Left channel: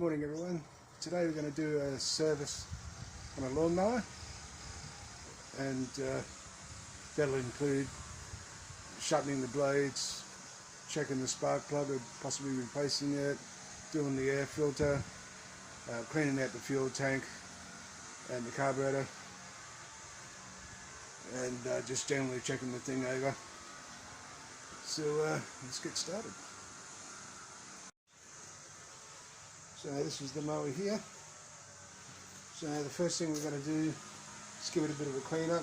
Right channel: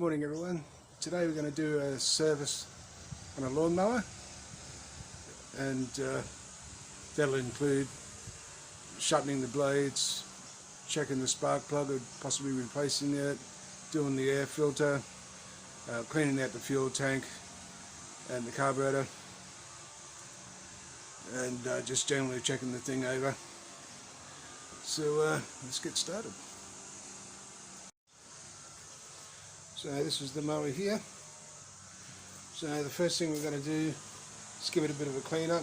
Morning everyone. Today we're going to do a service on a lawnmower, and that'll include shutting the blades, checking the spark plug, or possibly replacing it, doing the air filter, cleaning out the fuel tank and the carburetor, and just generally checking the thing over. So let's get started. So this is the mower here. So the first thing we're going to do is give it a bit of a clean up,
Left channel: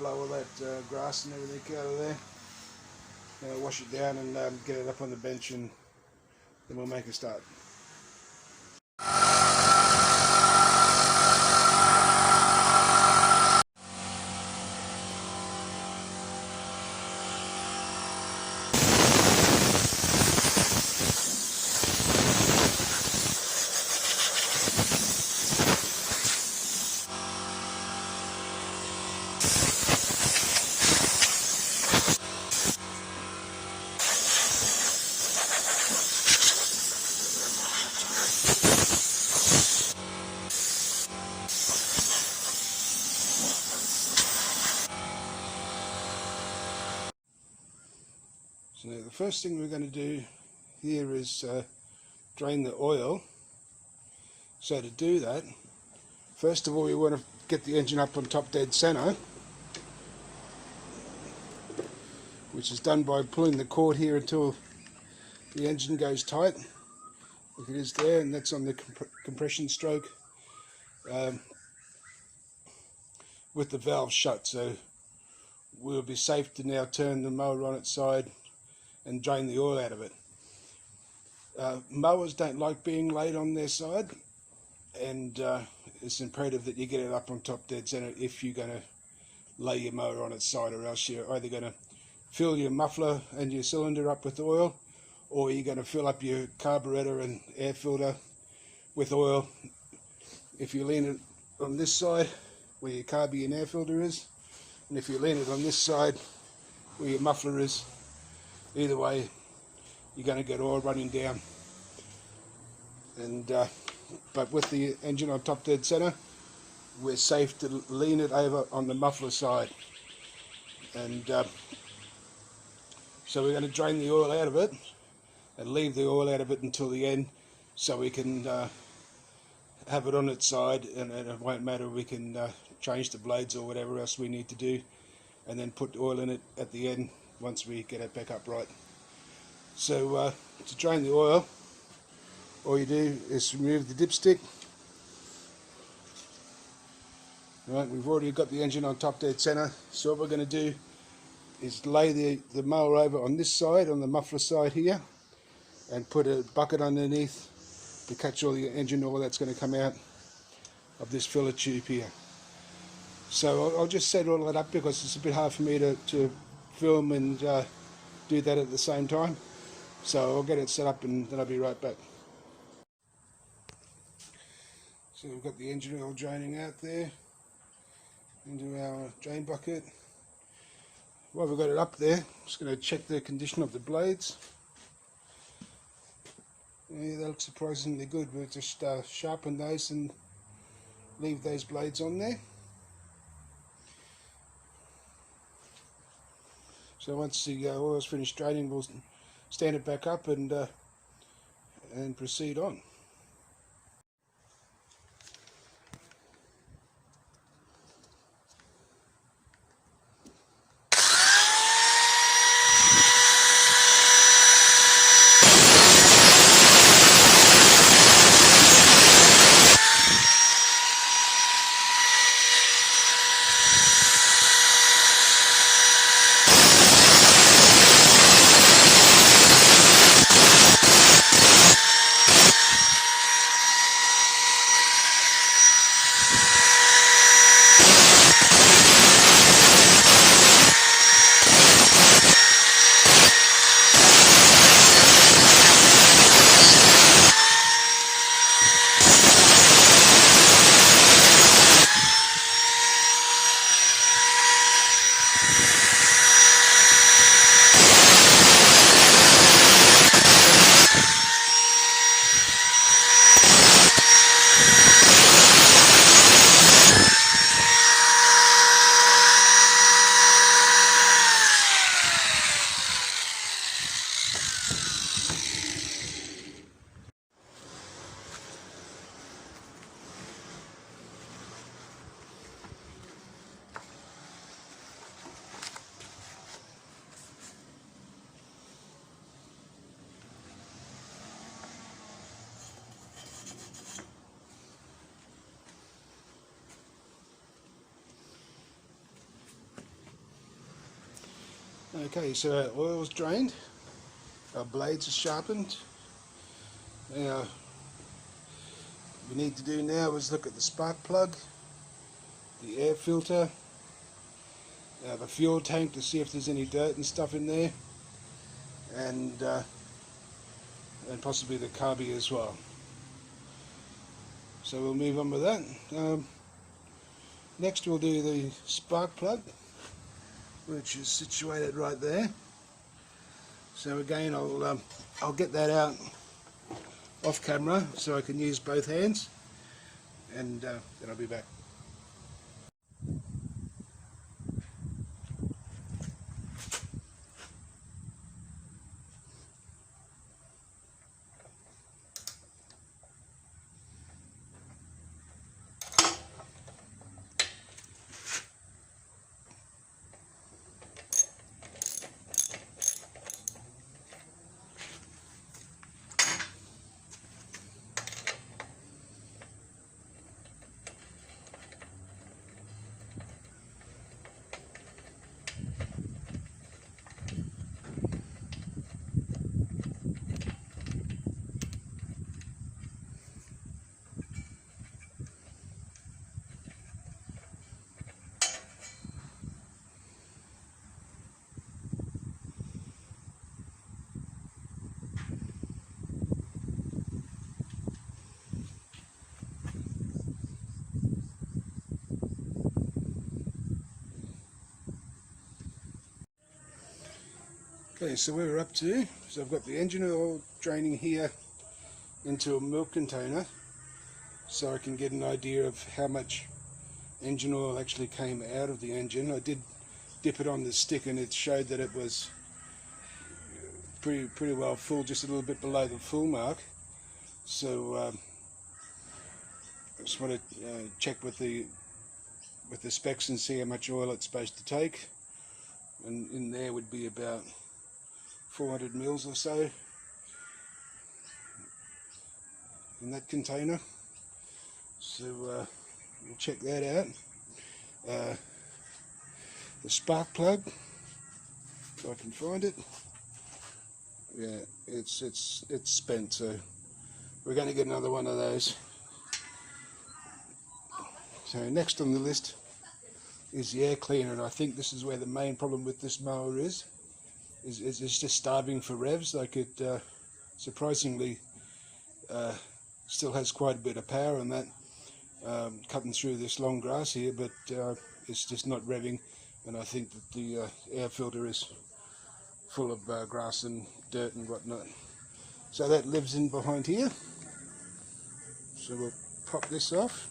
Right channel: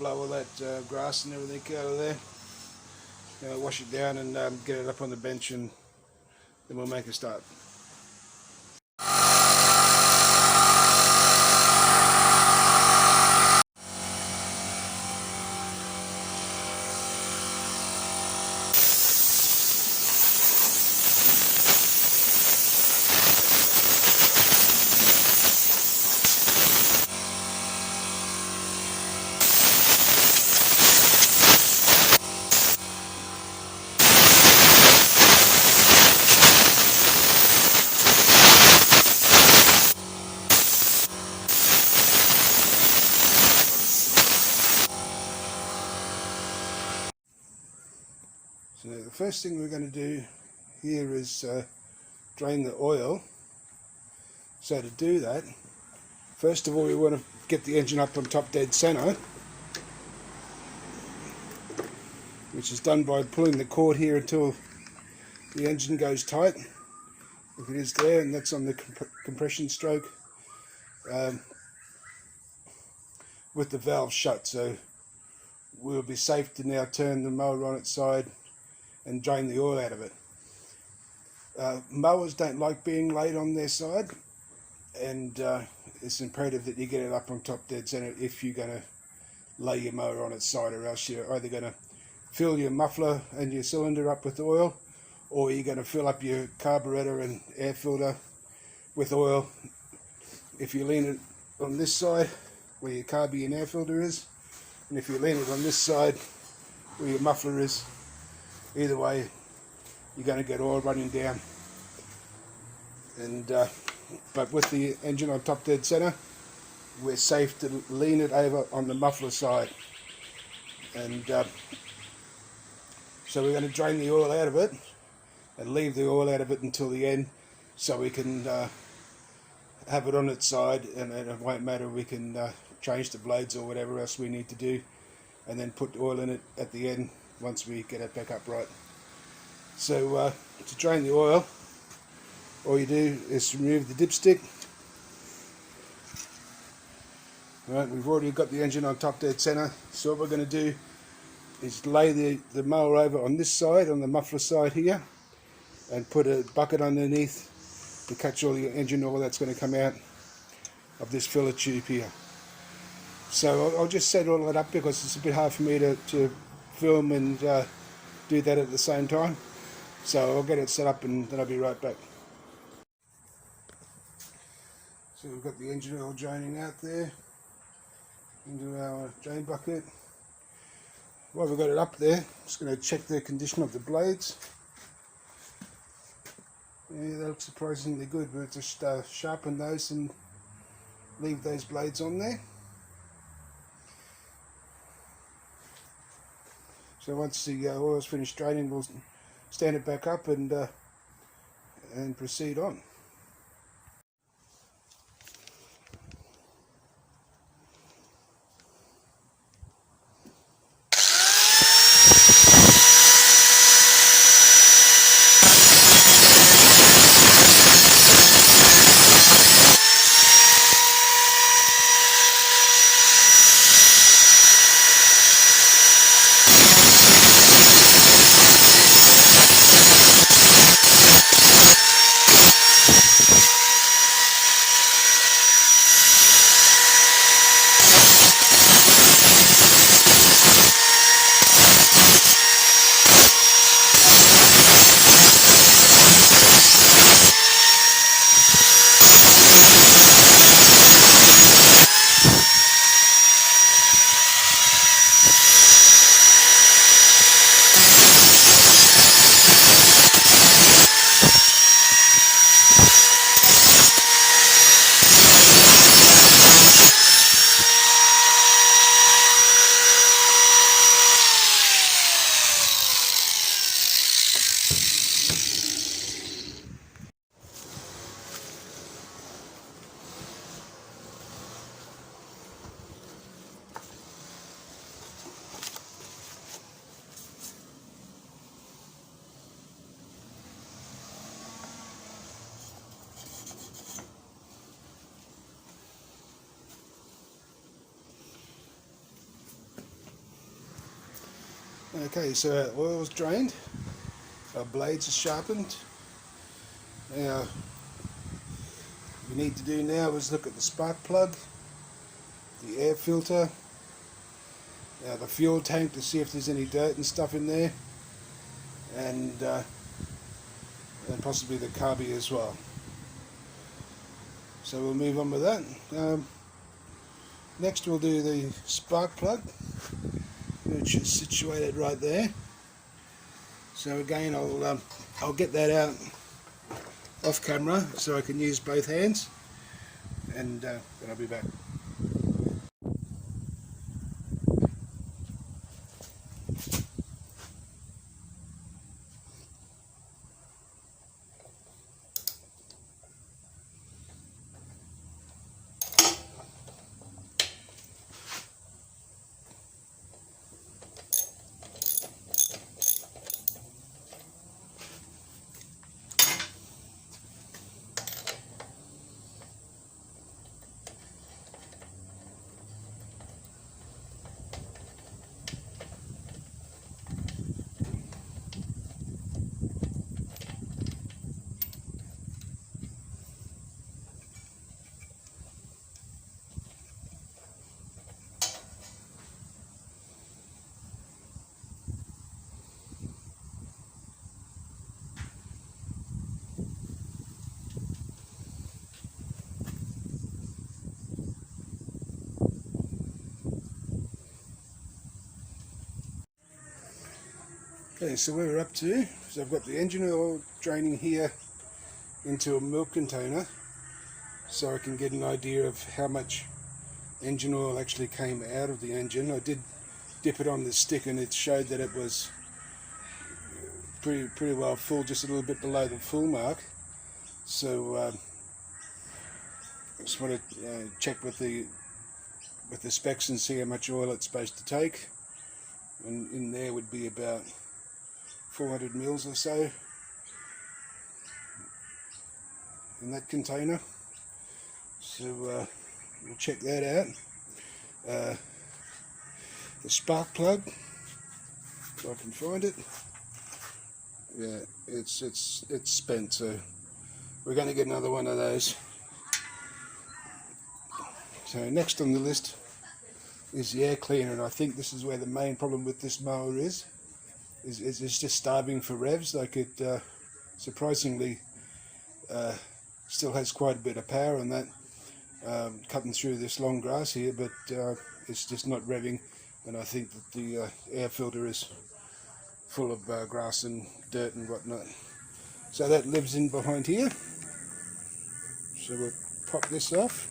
blow all that grass and everything out of there, wash it down and get it up on the bench, and then we'll make a start. So the first thing we're going to do here is drain the oil. So to do that, first of all we want to get the engine up on top dead center, which is done by pulling the cord here until the engine goes tight. Look, it is there, and that's on the compression stroke with the valve shut. So we'll be safe to now turn the mower on its side and drain the oil out of it. Mowers don't like being laid on their side, and it's imperative that you get it up on top dead center if you're going to lay your mower on its side, or else you're either going to fill your muffler and your cylinder up with oil, or you're going to fill up your carburetor and air filter with oil. If you lean it on this side where your carby and air filter is, and if you lean it on this side where your muffler is, either way you're going to get oil running down. And but with the engine on top dead center, we're safe to lean it over on the muffler side, and so we're going to drain the oil out of it and leave the oil out of it until the end, so we can have it on its side, and it won't matter. We can change the blades or whatever else we need to do, and then put oil in it at the end once we get it back upright. So to drain the oil, all you do is remove the dipstick. Right, we've already got the engine on top dead center, so what we're going to do is lay the mower over on this side, on the muffler side here, and put a bucket underneath to catch all the engine oil that's going to come out of this filler tube here. So I'll just set all that up because it's a bit hard for me to film and do that at the same time. So I'll get it set up and then I'll be right back. So we've got the engine oil draining out there into our drain bucket. While we've got it up there, I'm just going to check the condition of the blades. Yeah, they look surprisingly good. We'll just sharpen those and leave those blades on there. So once the oil's finished draining, we'll stand it back up and proceed on. Okay, so our oil's drained, our blades are sharpened. Now, what we need to do now is look at the spark plug, the air filter, the fuel tank to see if there's any dirt and stuff in there, and possibly the carby as well. So we'll move on with that. Next we'll do the spark plug, which is situated right there. So again, I'll get that out off camera so I can use both hands, and then I'll be back. Okay, so we're up to, so I've got the engine oil draining here into a milk container, so I can get an idea of how much engine oil actually came out of the engine. I did dip it on the stick and it showed that it was pretty well full, just a little bit below the full mark. So I just want to check with the specs and see how much oil it's supposed to take, and in there would be about 400 mils or so in that container. So we'll check that out. The spark plug, if I can find it. Yeah, it's spent, so we're going to get another one of those. So next on the list is the air cleaner, and I think this is where the main problem with this mower is just starving for revs. Like it surprisingly still has quite a bit of power on that, cutting through this long grass here, but it's just not revving, and I think that the air filter is full of grass and dirt and whatnot. So that lives in behind here, so we'll pop this off,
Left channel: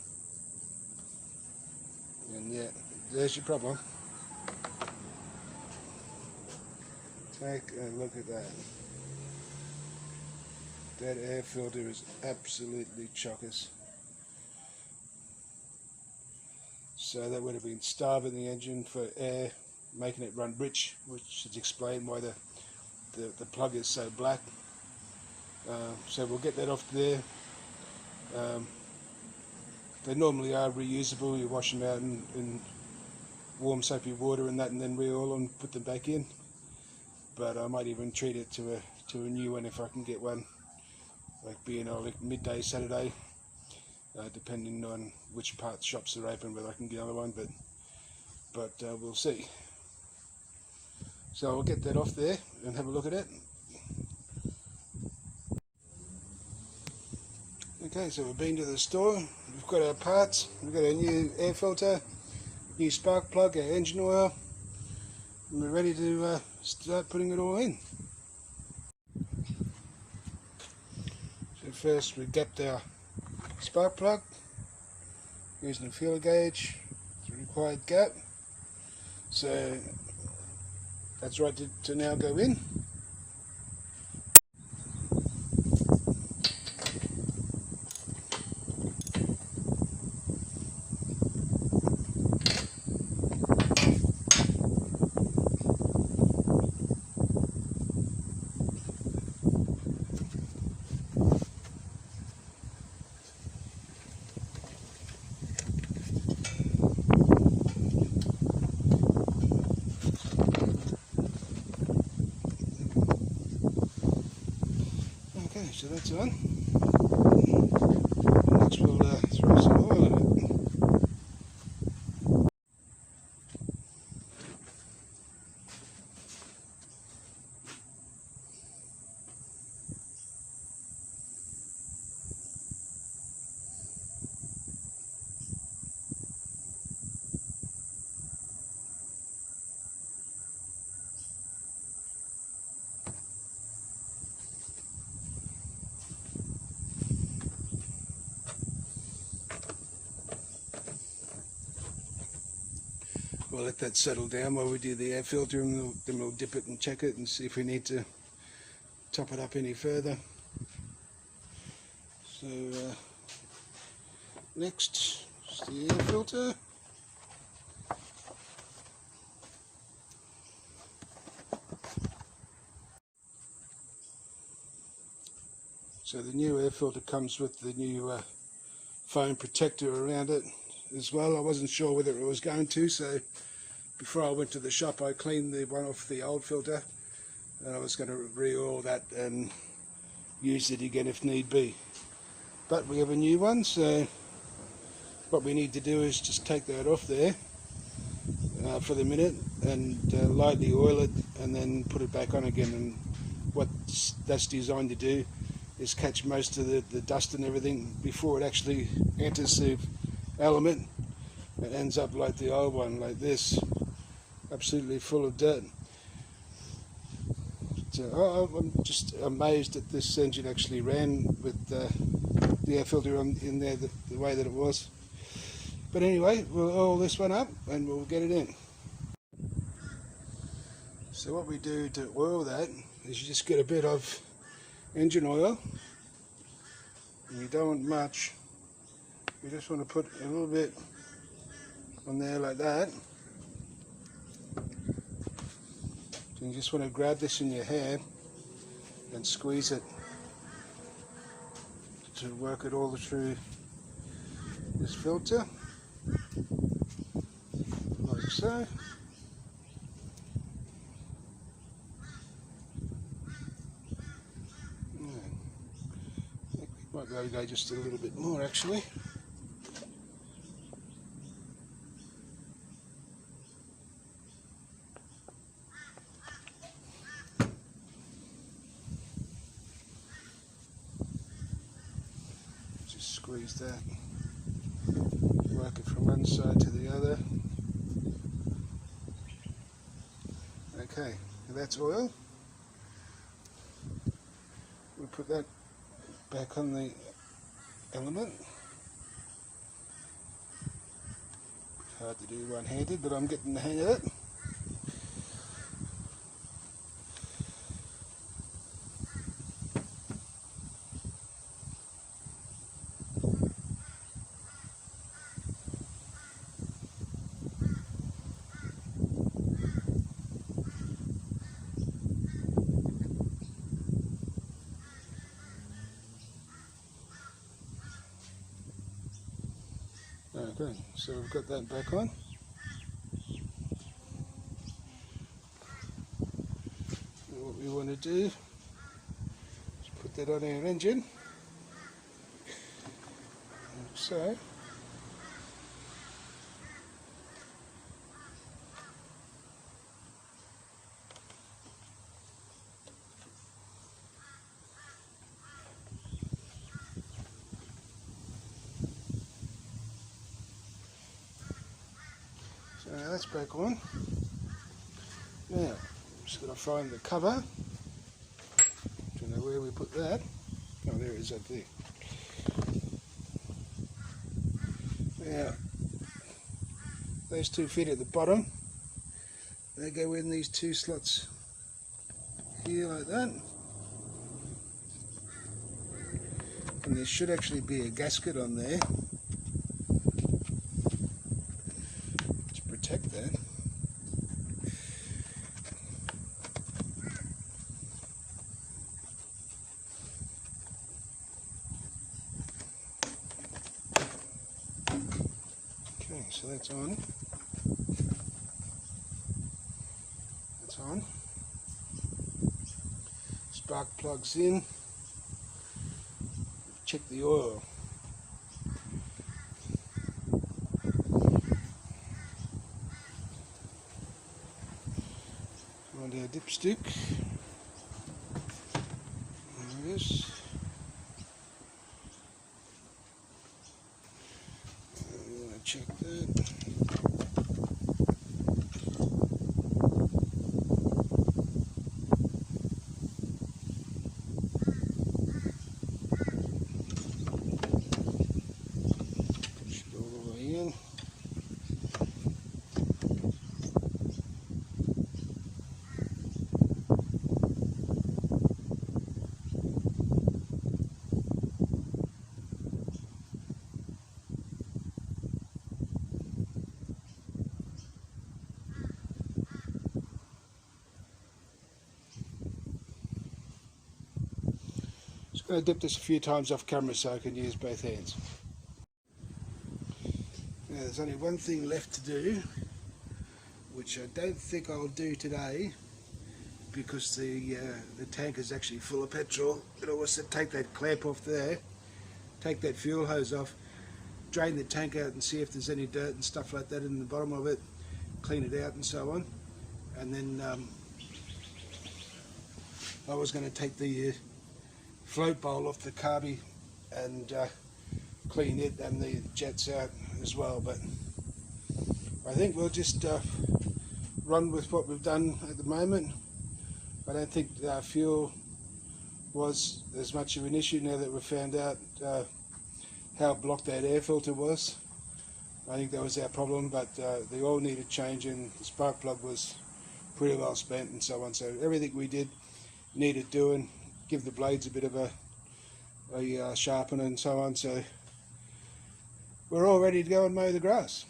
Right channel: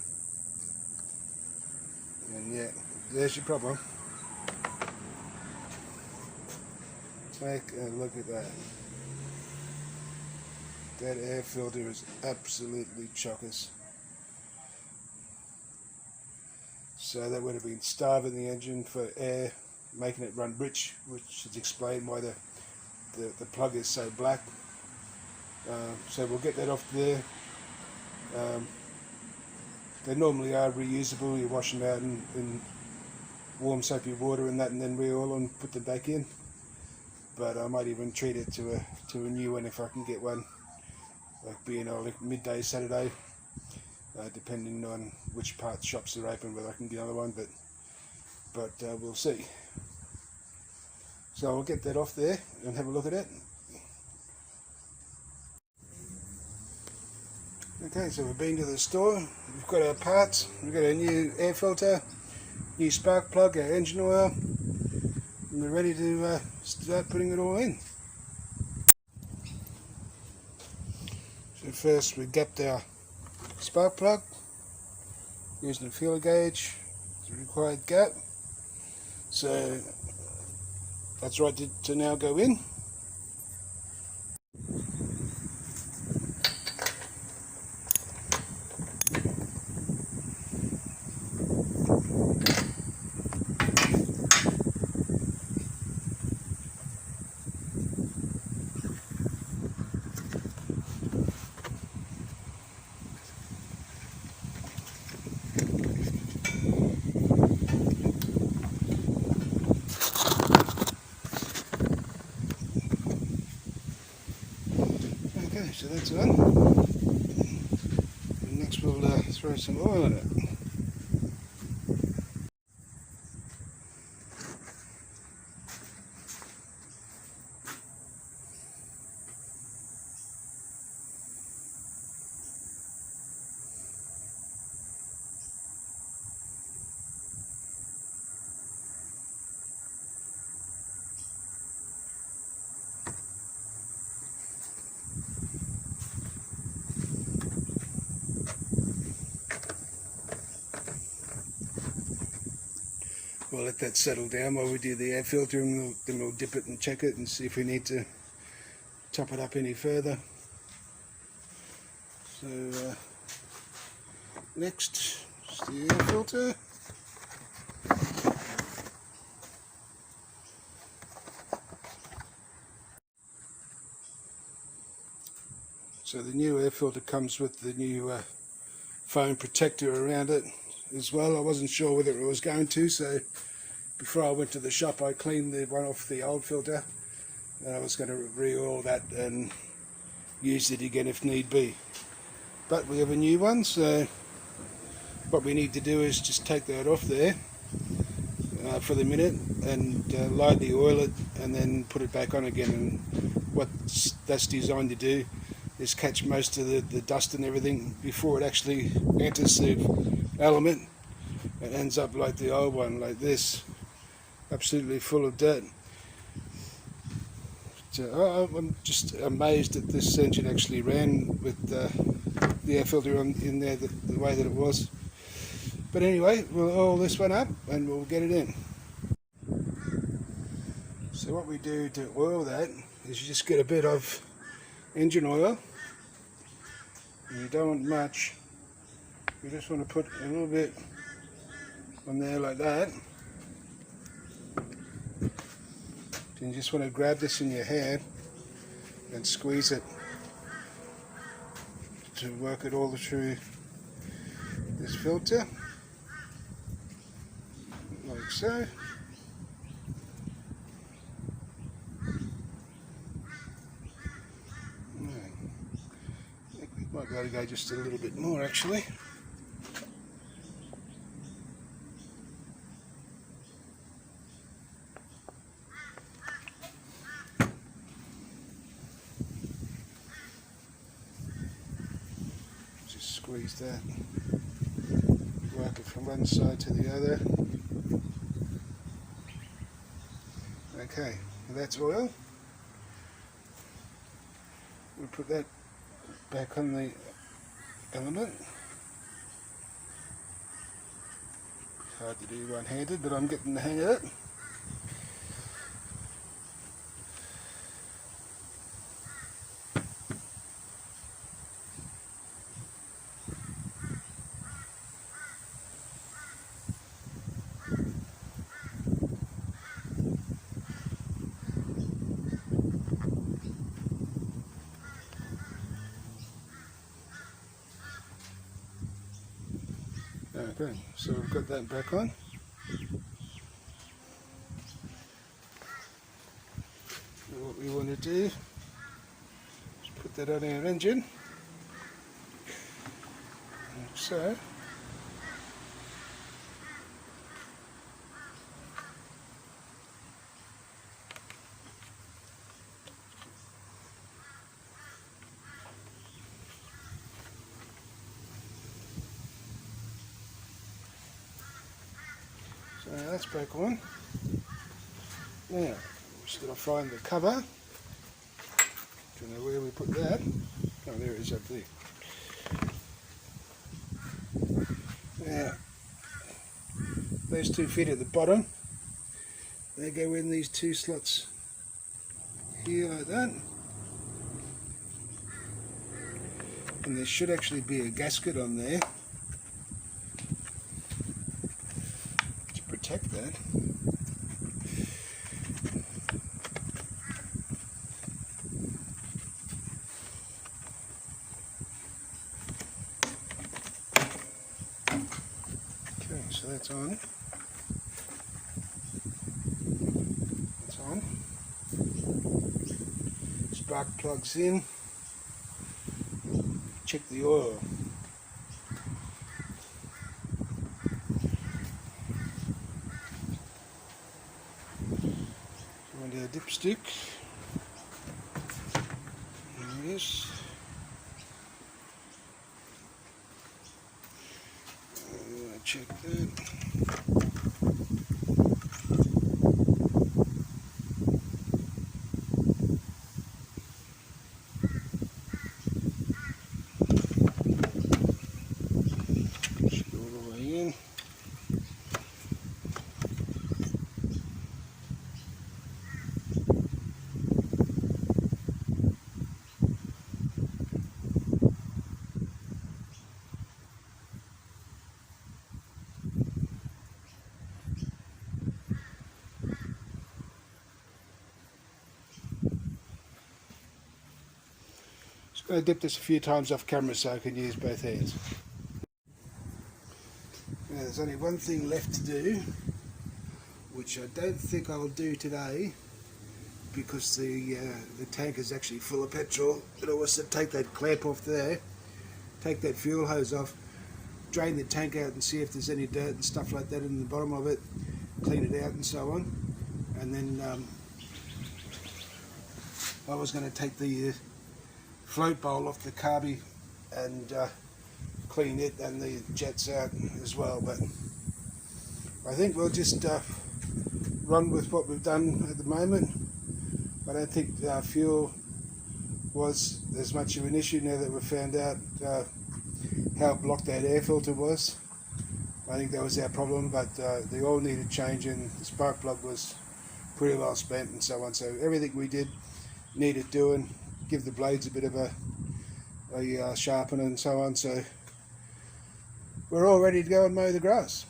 and yeah, there's your problem. Take a look at that. That air filter is absolutely chockers. So that would have been starving the engine for air, making it run rich, which should explain why the plug is so black. So we'll get that off there. They normally are reusable. You wash them out in warm soapy water and that, and then re-oil and put them back in. But I might even treat it to a new one if I can get one, like being like midday Saturday, depending on which parts shops are open, whether I can get another one, but we'll see. So I'll get that off there and have a look at it. Okay, so we've been to the store, we've got our parts, we've got a new air filter, new spark plug, our engine oil, and we're ready to start putting it all in. So first we gapped our spark plug using a feeler gauge, the required gap. So that's right to now go in. that's on. Next we'll throw some oil in it. We'll let that settle down while we do the air filter, and then we'll dip it and check it and see if we need to top it up any further. So next is the air filter. So the new air filter comes with the new foam protector around it as well. I wasn't sure whether it was going to, so before I went to the shop I cleaned the one off the old filter, and I was going to re-oil that and use it again if need be. But we have a new one, so what we need to do is just take that off there for the minute and lightly oil it and then put it back on again. And what that's designed to do is catch most of the dust and everything before it actually enters the element. It ends up like the old one, like this, absolutely full of dirt. I'm just amazed that this engine actually ran with the air filter in there the way that it was. But anyway, we'll oil this one up and we'll get it in. So what we do to oil that is you just get a bit of engine oil, and you don't want much. You just want to put a little bit on there like that. And you just want to grab this in your hand and squeeze it to work it all through this filter, like so. I think we might be able to go just a little bit more actually. Squeeze that, work it from one side to the other. Okay, that's oil. We'll put that back on the element. Hard to do one-handed, but I'm getting the hang of it. Okay, so we've got that back on. And what we want to do is put that on our engine, like so. Now that's back on. Now, just got to find the cover. Don't know where we put that. Oh, there it is up there. Now, those two fit at the bottom. They go in these two slots here like that. And there should actually be a gasket on there. That's on. It's on. Spark plugs in. check the oil. Find our dipstick. There it is. Check that. I'm going to dip this a few times off camera so I can use both hands. Now there's only one thing left to do, which I don't think I'll do today because the tank is actually full of petrol. But I was to take that clamp off there, take that fuel hose off, drain the tank out and see if there's any dirt and stuff like that in the bottom of it, clean it out and so on. And then I was going to take the float bowl off the carby and clean it and the jets out as well, but I think we'll just run with what we've done at the moment. I don't think fuel was as much of an issue now that we've found out how blocked that air filter was. I think that was our problem, but the oil needed changing, the spark plug was pretty well spent and so on, so everything we did needed doing. Give the blades a bit of a sharpen and so on, so we're all ready to go and mow the grass.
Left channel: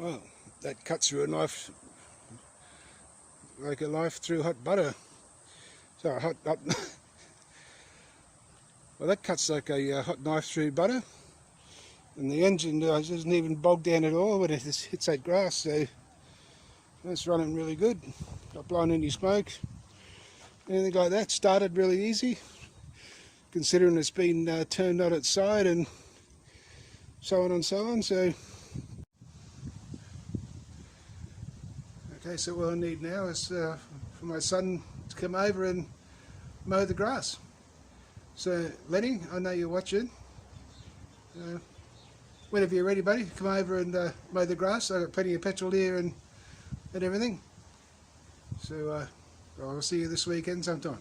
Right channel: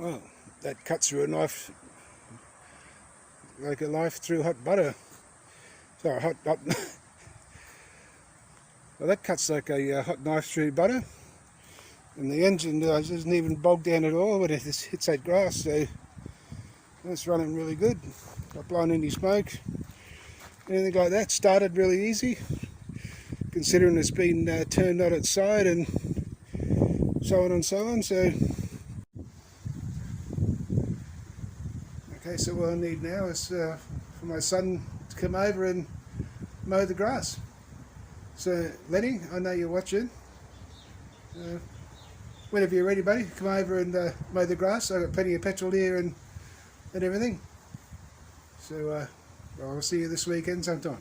Well, that cuts through a knife like a knife through hot butter. Sorry, hot. Well, that cuts like a hot knife through butter, and the engine doesn't even bog down at all when it hits that grass. So that's running really good. Not blowing any smoke, anything like that. Started really easy, considering it's been turned on its side and so on and so on. So. Okay, so what I need now is for my son to come over and mow the grass. So Lenny, I know you're watching. Whenever you're ready, buddy, come over and mow the grass. I've got plenty of petrol here and everything. So I'll see you this weekend sometime.